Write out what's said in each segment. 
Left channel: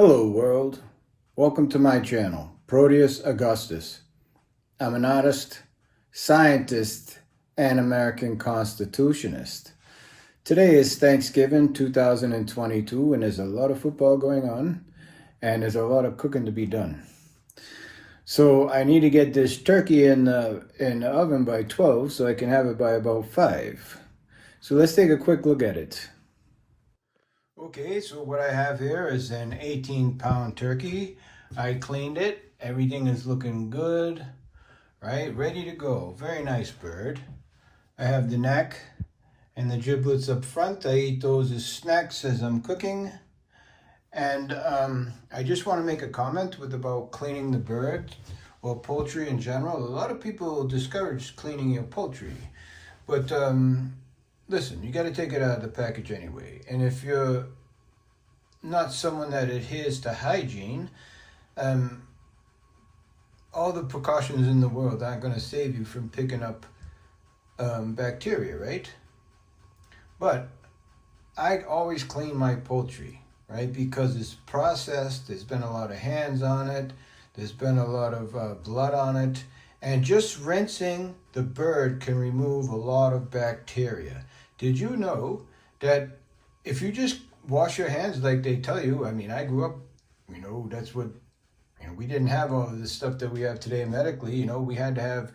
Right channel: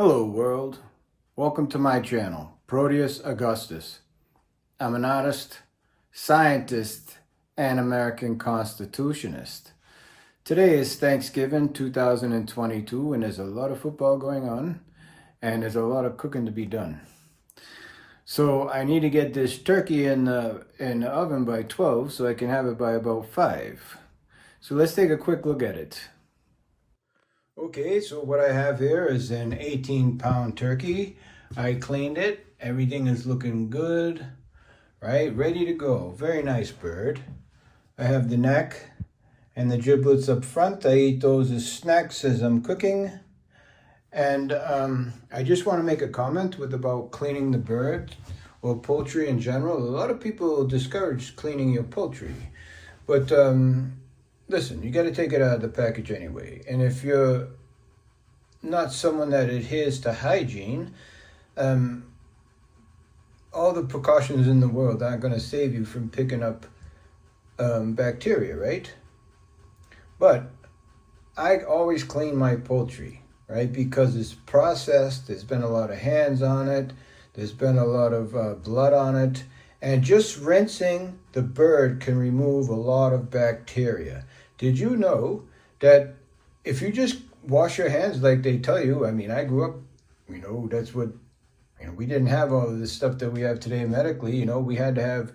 Hello world, welcome to my channel, Proteus Augustus. I'm an artist, scientist, and American Constitutionist. Today is Thanksgiving 2022 and there's a lot of football going on and there's a lot of cooking to be done. So I need to get this turkey in the oven by 12 so I can have it by about 5. So let's take a quick look at it. Okay, so what I have here is an 18-pound turkey. I cleaned it. Everything is looking good, right? Ready to go. Very nice bird. I have the neck and the giblets up front. I eat those as snacks as I'm cooking. And I just want to make a comment about cleaning the bird or poultry in general. A lot of people discourage cleaning your poultry. But listen, you got to take it out of the package anyway. And if you're not someone that adheres to hygiene, all the precautions in the world aren't going to save you from picking up bacteria, right? But I always clean my poultry, right? Because it's processed, there's been a lot of hands on it, there's been a lot of blood on it, and just rinsing the bird can remove a lot of bacteria. Did you know that if you just wash your hands like they tell you, I mean, I grew up, that's what, we didn't have all of this stuff that we have today medically, we had to have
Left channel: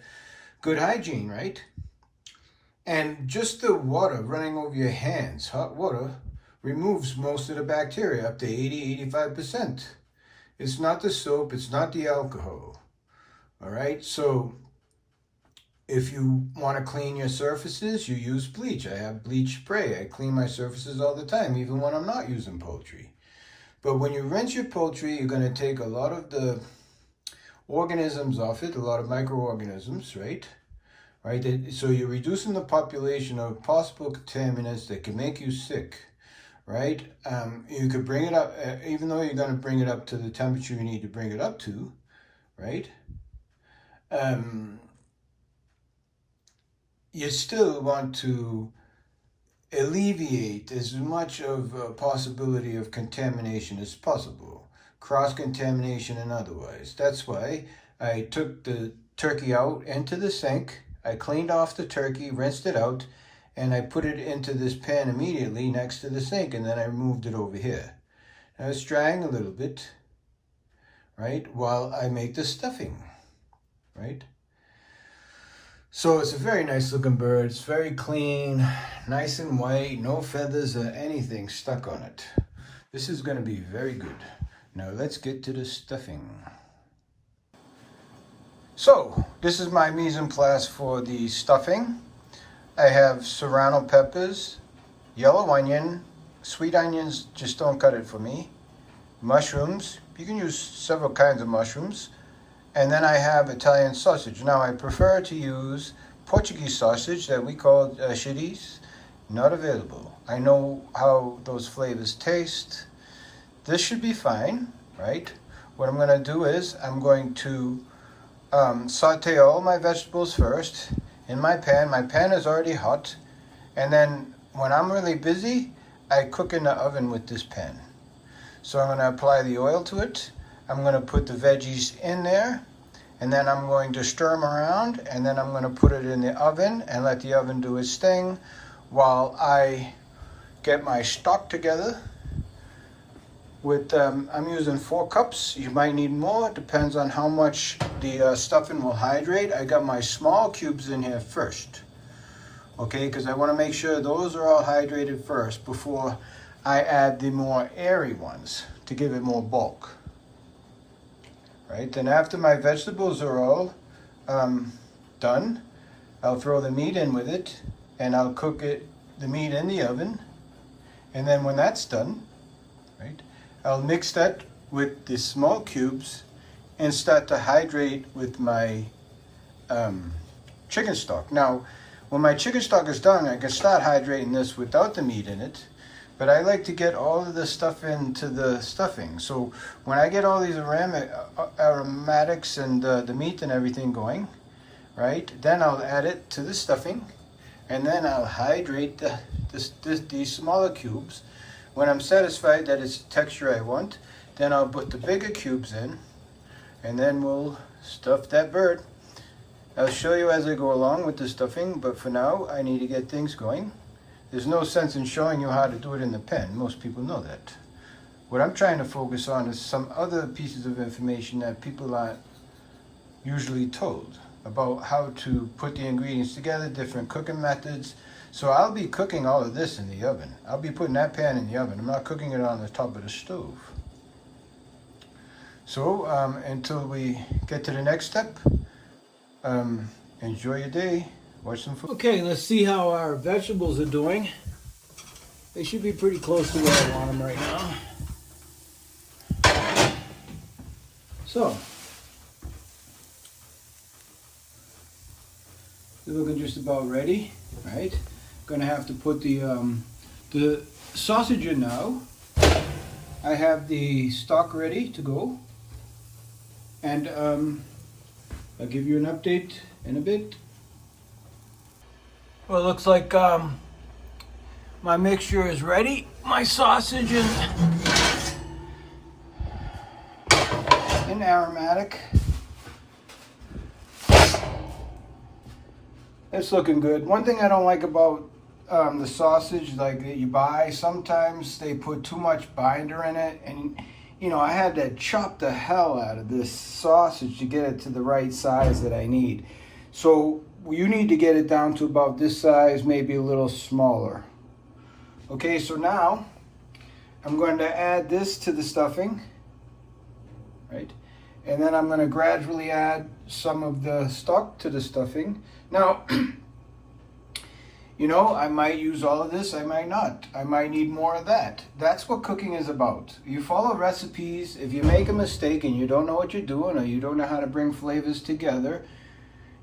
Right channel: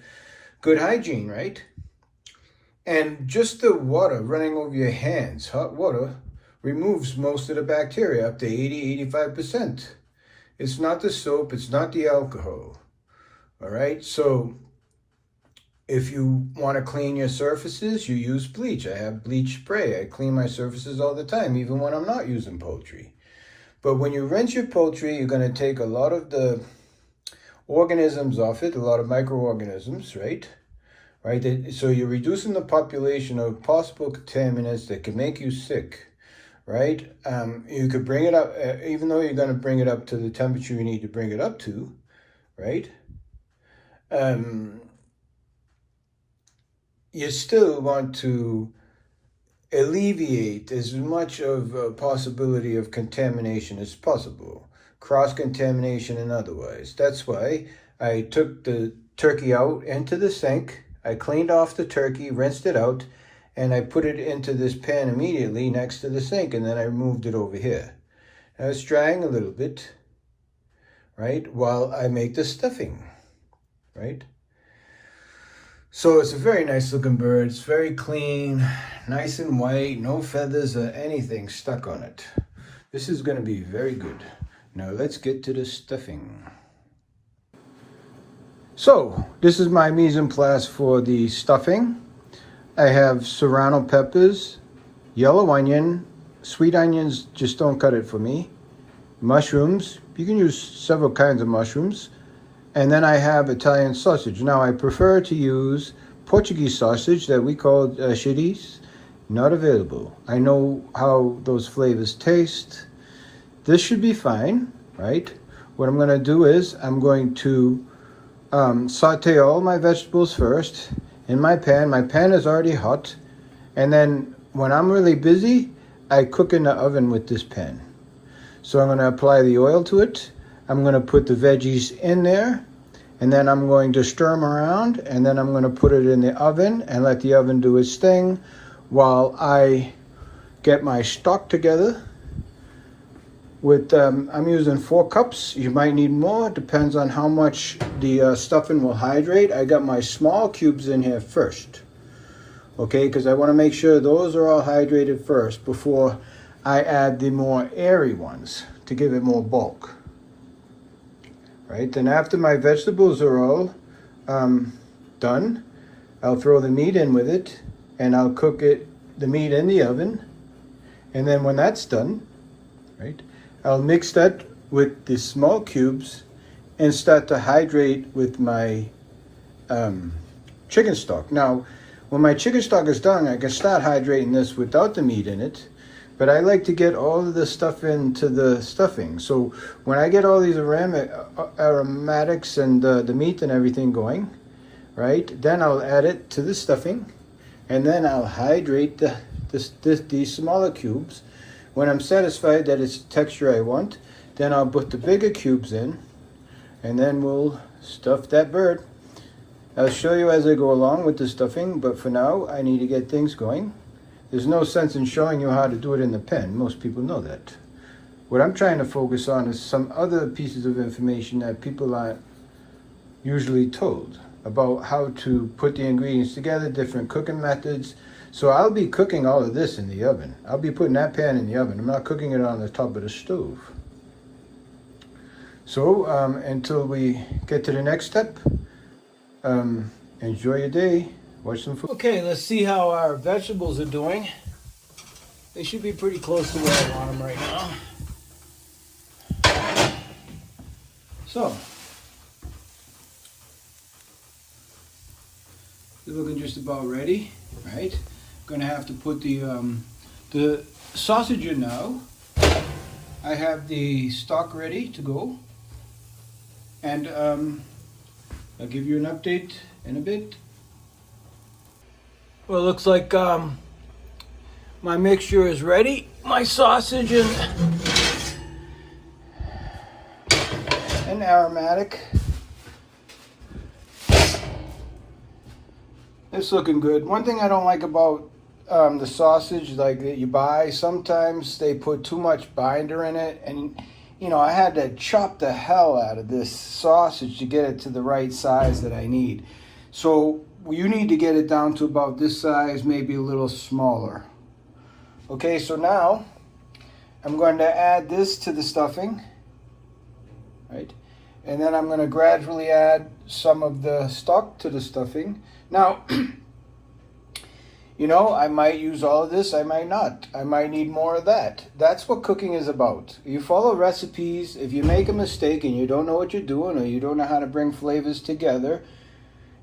good hygiene, right? And just the water running over your hands, hot water, removes most of the bacteria, up to 80-85%. It's not the soap, it's not the alcohol, all right? So if you want to clean your surfaces, you use bleach. I have bleach spray. I clean my surfaces all the time, even when I'm not using poultry. But when you rinse your poultry, you're going to take a lot of the organisms off it, a lot of microorganisms, right? So you're reducing the population of possible contaminants that can make you sick, right? You could bring it up, even though you're going to bring it up to the temperature you need to bring it up to, right? You still want to alleviate as much of a possibility of contamination as possible, cross-contamination and otherwise. That's why I took the turkey out into the sink. I cleaned off the turkey, rinsed it out, and I put it into this pan immediately next to the sink, and then I moved it over here. Now it's drying a little bit, right, while I make the stuffing, right? So it's a very nice looking bird. It's very clean, nice and white, no feathers or anything stuck on it. This is going to be very good. Now let's get to the stuffing. So this is my mise en place for the stuffing. I have serrano peppers, yellow onion, sweet onions, just don't cut it for me, mushrooms. You can use several kinds of mushrooms. And then I have Italian sausage. Now I prefer to use Portuguese sausage that we call chorizo. Not available. I know how those flavors taste. This should be fine, right? What I'm gonna do is I'm going to saute all my vegetables first in my pan. My pan is already hot. And then when I'm really busy, I cook in the oven with this pan. So I'm gonna apply the oil to it. I'm going to put the veggies in there, and then I'm going to stir them around, and then I'm going to put it in the oven and let the oven do its thing while I get my stock together. With I'm using 4 cups. You might need more. It depends on how much the stuffing will hydrate. I got my small cubes in here first, okay, because I want to make sure those are all hydrated first before I add the more airy ones to give it more bulk. Right, then after my vegetables are all done, I'll throw the meat in with it, and I'll cook the meat in the oven. And then when that's done, right, I'll mix that with the small cubes and start to hydrate with my chicken stock. Now, when my chicken stock is done, I can start hydrating this without the meat in it. But I like to get all of the stuff into the stuffing. So when I get all these aromatics and the meat and everything going, right, then I'll add it to the stuffing, and then I'll hydrate these smaller cubes. When I'm satisfied that it's the texture I want, Then I'll put the bigger cubes in, and then we'll stuff that bird. I'll show you as I go along with the stuffing, but for now I need to get things going. There's no sense in showing you how to do it in the pen. Most people know that. What I'm trying to focus on is some other pieces of information that people aren't usually told about how to put the ingredients together, different cooking methods. So I'll be cooking all of this in the oven. I'll be putting that pan in the oven. I'm not cooking it on the top of the stove. So until we get to the next step, enjoy your day. Watch some food. Okay, let's see how our vegetables are doing. They should be pretty close to where I want them right now. So, they're looking just about ready, right? Gonna have to put the sausage in now. I have the stock ready to go, and I'll give you an update in a bit. Well, it looks like my mixture is ready. My sausage is and aromatic. It's looking good. One thing I don't like about the sausage, like that you buy, sometimes they put too much binder in it, and you know, I had to chop the hell out of this sausage to get it to the right size that I need. So you need to get it down to about this size, maybe a little smaller. Okay, so now I'm going to add this to the stuffing, right? And then I'm going to gradually add some of the stock to the stuffing. Now, you know, I might use all of this, I might not. I might need more of that. That's what cooking is about. You follow recipes. If you make a mistake and you don't know what you're doing, or you don't know how to bring flavors together,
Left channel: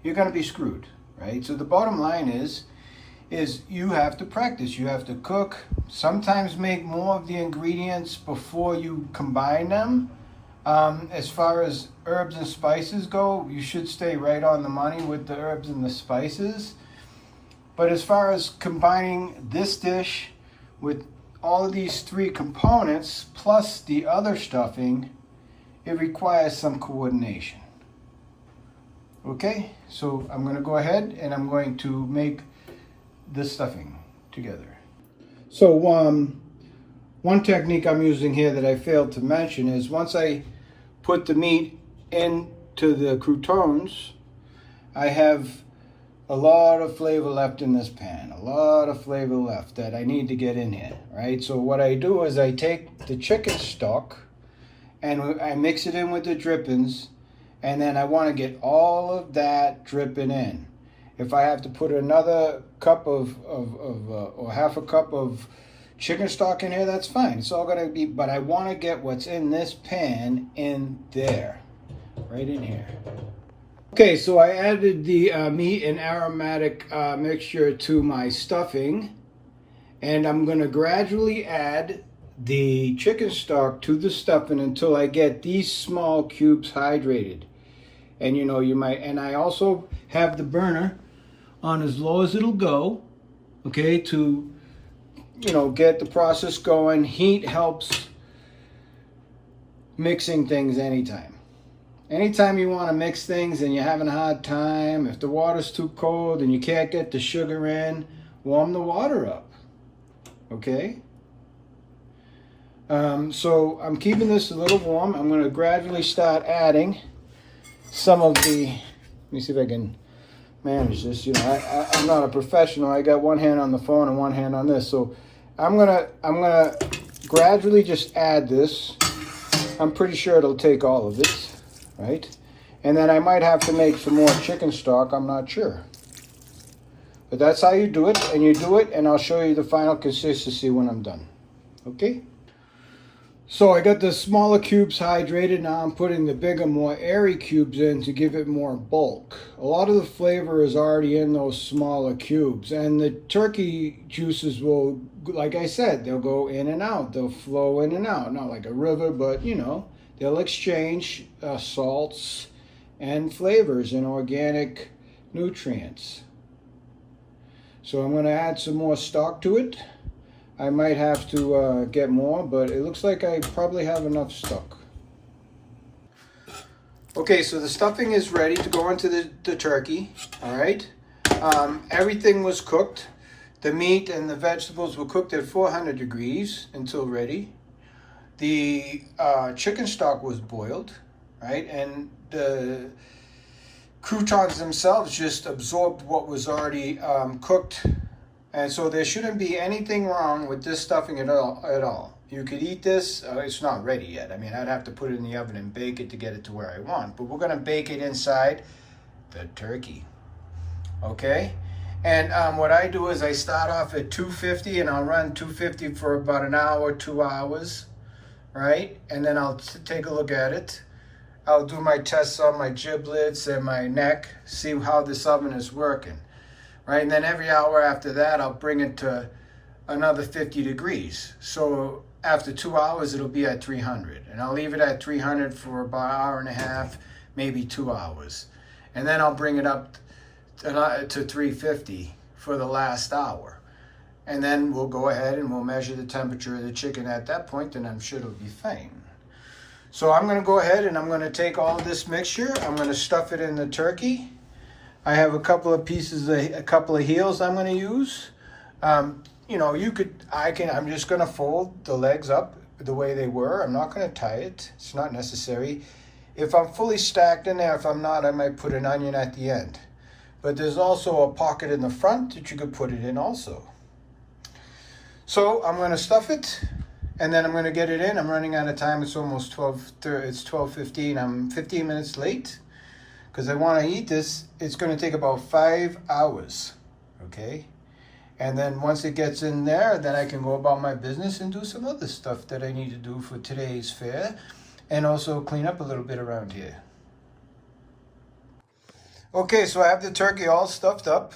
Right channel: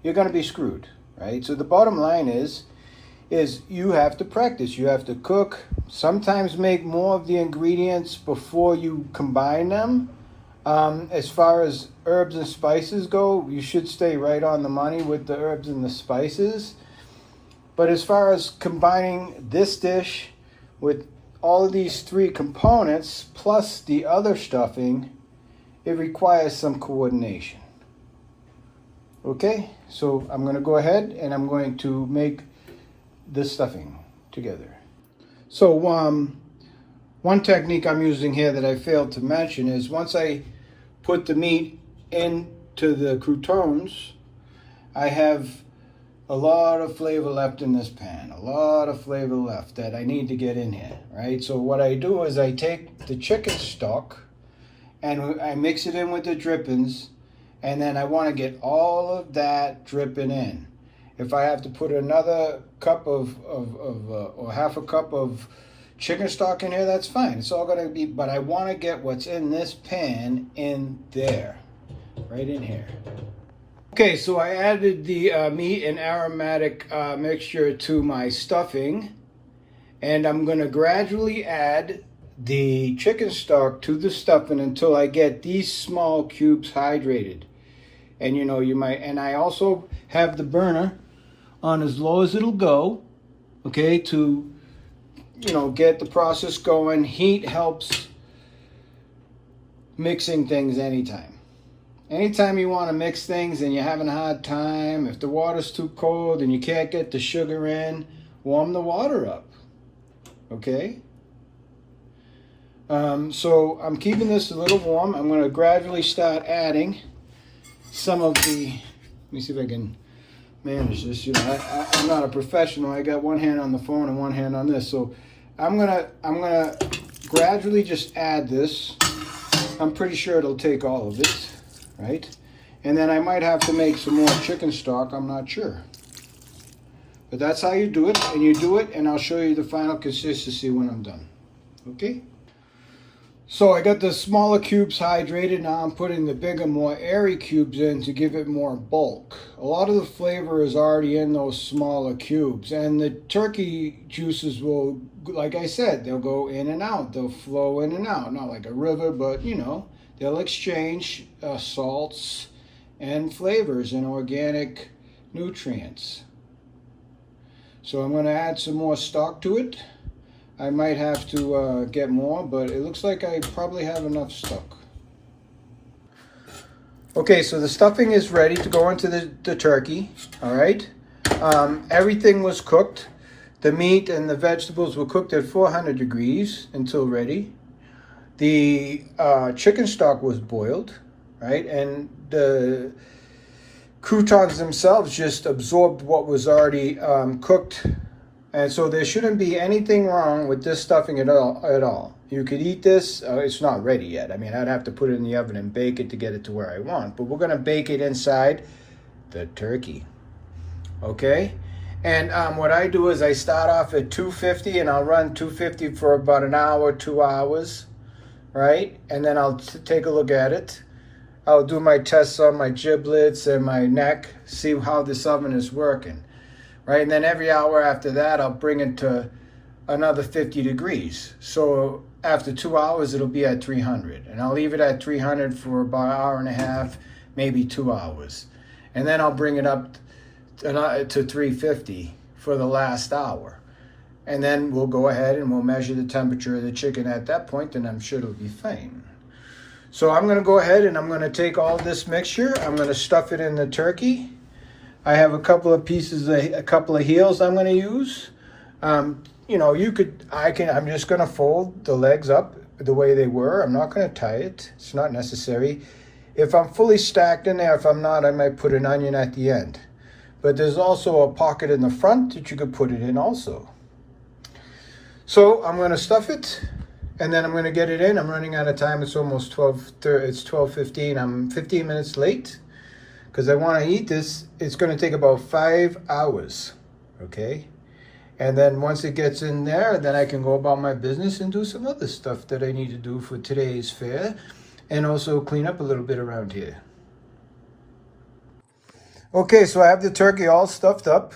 you're going to be screwed, right? So the bottom line is you have to practice. You have to cook. Sometimes make more of the ingredients before you combine them. As far as herbs and spices go, you should stay right on the money with the herbs and the spices. But as far as combining this dish with all of these three components plus the other stuffing, it requires some coordination. Okay, so I'm going to go ahead and I'm going to make this stuffing together. So one technique I'm using here that I failed to mention is once I put the meat into the croutons, I have a lot of flavor left in this pan, a lot of flavor left that I need to get in here, right? So what I do is I take the chicken stock and I mix it in with the drippings, and then I want to get all of that dripping in. If I have to put another cup or half a cup of chicken stock in here, that's fine. It's all going to be, but I want to get what's in this pan in there, right in here. Okay, so I added the meat and aromatic mixture to my stuffing, and I'm going to gradually add the chicken stock to the stuffing until I get these small cubes hydrated. And you know, you might, and I also have the burner on as low as it'll go, okay, to, you know, get the process going. Heat helps mixing things anytime. Anytime you want to mix things and you're having a hard time, if the water's too cold and you can't get the sugar in, warm the water up, okay? So I'm keeping this a little warm. I'm going to gradually start adding some of the, let me see if I can manage this. You know, I'm not a professional. I got one hand on the phone and one hand on this. So I'm gonna gradually just add this. I'm pretty sure it'll take all of it, right? And then I might have to make some more chicken stock. I'm not sure. But that's how you do it, and you do it, and I'll show you the final consistency when I'm done. Okay? So I got the smaller cubes hydrated. Now I'm putting the bigger, more airy cubes in to give it more bulk. A lot of the flavor is already in those smaller cubes, and the turkey juices will, like I said, they'll go in and out. They'll flow in and out. Not like a river, but you know, they'll exchange salts and flavors and organic nutrients. So I'm going to add some more stock to it. I might have to get more, but it looks like I probably have enough stock. Okay, so the stuffing is ready to go into the turkey, all right? Everything was cooked. The meat and the vegetables were cooked at 400 degrees until ready. The chicken stock was boiled, right? And the croutons themselves just absorbed what was already cooked. And so there shouldn't be anything wrong with this stuffing at all. You could eat this. It's not ready yet. I mean, I'd have to put it in the oven and bake it to get it to where I want. But we're going to bake it inside the turkey. Okay? And what I do is I start off at 250 and I'll run 250 for about an hour, 2 hours, right? And then I'll take a look at it. I'll do my tests on my giblets and my neck, see how this oven is working. Right, and then every hour after that, I'll bring it to another 50 degrees. So after 2 hours, it'll be at 300. And I'll leave it at 300 for about an hour and a half, maybe 2 hours. And then I'll bring it up to 350 for the last hour. And then we'll go ahead and we'll measure the temperature of the chicken at that point, and I'm sure it'll be fine. So I'm gonna go ahead and I'm gonna take all of this mixture, I'm gonna stuff it in the turkey. I have a couple of pieces, a couple of heels I'm going to use. You know, I'm just going to fold the legs up the way they were. I'm not going to tie it. It's not necessary. If I'm fully stacked in there, if I'm not, I might put an onion at the end. But there's also a pocket in the front that you could put it in also. So I'm going to stuff it and then I'm going to get it in. I'm running out of time. It's almost 12:30. It's 12:15. I'm 15 minutes late. Because I want to eat this. It's going to take about 5 hours, okay? And then once it gets in there, then I can go about my business and do some other stuff that I need to do for today's fair, and also clean up a little bit around here. Okay, so I have the turkey all stuffed up.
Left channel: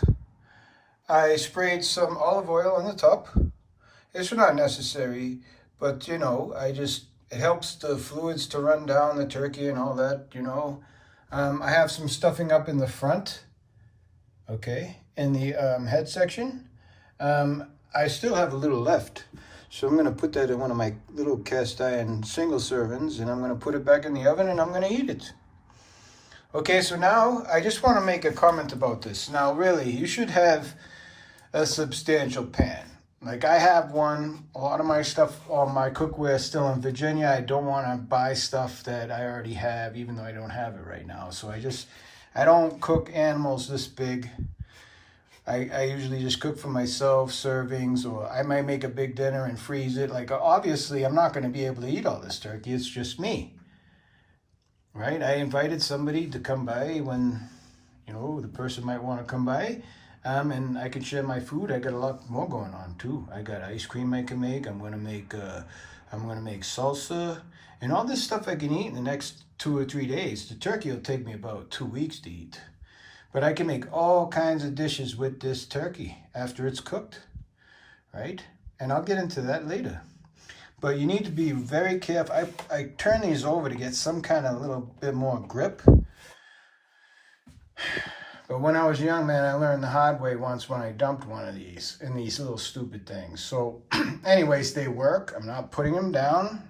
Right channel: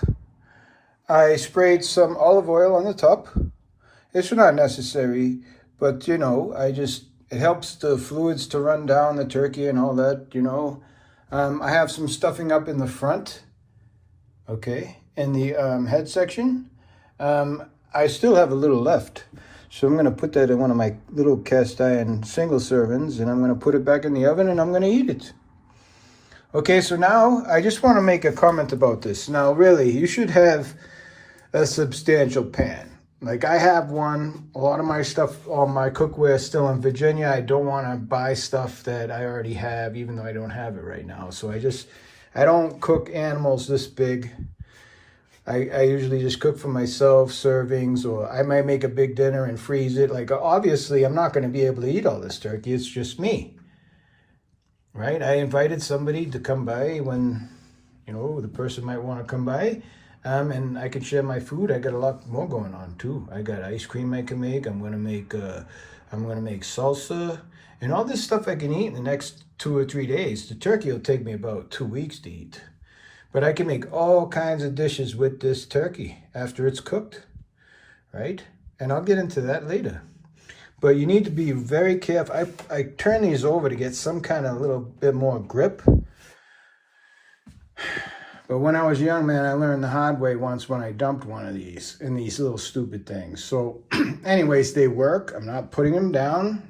I sprayed some olive oil on the top. It's not necessary, but you know, it helps the fluids to run down the turkey and all that, you know. I have some stuffing up in the front, okay, in the head section. I still have a little left, so I'm going to put that in one of my little cast iron single servings, and I'm going to put it back in the oven, and I'm going to eat it. Okay, so now I just want to make a comment about this. Now, really, you should have a substantial pan. Like I have one. A lot of my stuff, all my cookware is still in Virginia. I don't want to buy stuff that I already have, even though I don't have it right now. So I don't cook animals this big. I usually just cook for myself, servings, or I might make a big dinner and freeze it. Like obviously I'm not going to be able to eat all this turkey. It's just me, right? I invited somebody to come by when, you know, the person might want to come by. And I can share my food. I got a lot more going on too. I got ice cream I can make. I'm gonna make salsa and all this stuff I can eat in the next 2 or 3 days. The turkey will take me about 2 weeks to eat, but I can make all kinds of dishes with this turkey after it's cooked, right? And I'll get into that later. But you need to be very careful. I turn these over to get some kind of little bit more grip. But when I was young, man, I learned the hard way once when I dumped one of these in these little stupid things. So anyways, they work. I'm not putting them down.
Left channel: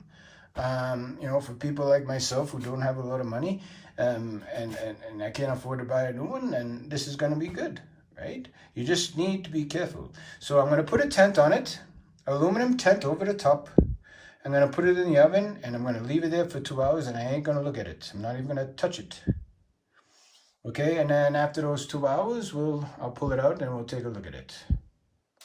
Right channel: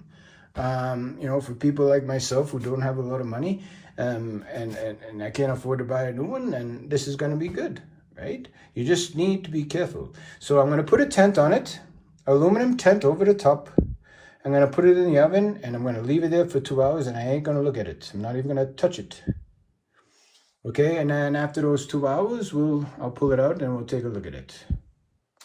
You know, for people like myself who don't have a lot of money and I can't afford to buy a new one, and this is going to be good, right? You just need to be careful. So I'm going to put a tent on it, aluminum tent over the top. I'm going to put it in the oven, and I'm going to leave it there for 2 hours, and I ain't going to look at it. I'm not even going to touch it. Okay, and then after those 2 hours, I'll pull it out and we'll take a look at it.